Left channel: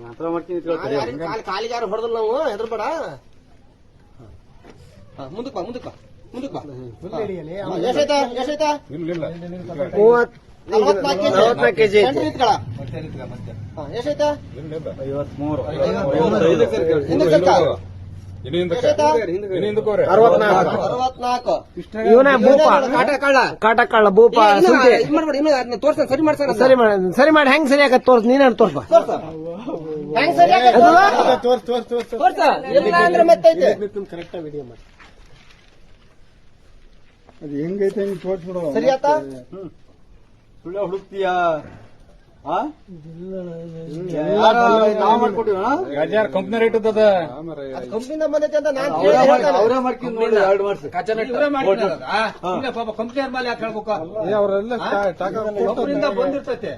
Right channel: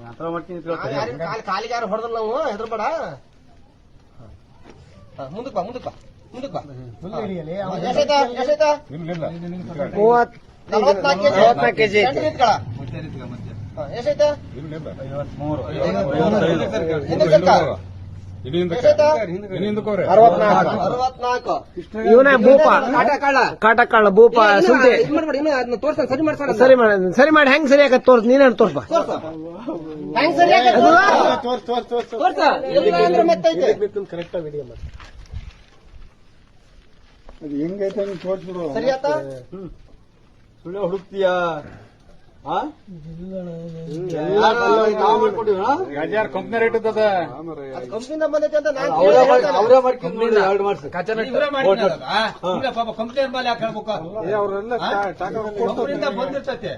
ಮಾತ್ರ ಮಾಡ್ತೀನಿ ಕಾಲಿಗೆ ಯಾರು ಹೊಡೆದಲ್ಲ ನಾವು ಹೆದರ್ಬೇಡ. ಹಾ, ಮುಂದಕ್ಕೆ ಬಾ ಮುಂದಕ್ಕೆ ಬಾ ಮುಂದಕ್ಕೆ ಬಾ. ನಲವತ್ನಾಲ್ಕು ಕೆಜಿ. ಇವನೇ ಭೂಪ. ಕಾಟ ತೋರ್ಸ ಸರಿ ಮಾಡ್ತಾರ ಸರಿ ಮಾಡಿ ಸರಿ ಮಾಡಿ ಹೆಂಗ್ ಸರಿ ಆಗತ್ತೆ ತೋರ್ಸ್ ನೀನೇ ತೋರ್ಪ ಅದು ಹೆಂಗೈತೆ ತೋರ್ಸ್ಬಿಡು. ಹುಡುಕ್ತೀಯಾ? Company rate ಇದ್ದದ. ಕಂಪ್ನಿಯಿಂದ ಬಂದೈತೆ ಅಂತ ನಾನು ಅವರೇ ಕೇಳಿ ಮಾಡಿ- ಅವರೇ ಮಾಡ್ಕೊಂಡು ನೋಡಿ ಎರಡು ಮಾಡ್ಸಿ ಕಂಪ್ನಿ ಮೇಲೆ ಯಾಕೆ ಹೇಳ್ಬೇಕು? ಅವರೆಲ್ಲ ಒಬ್ಬರಿಂದ ಬಂದಿರ್ತೈತೆ.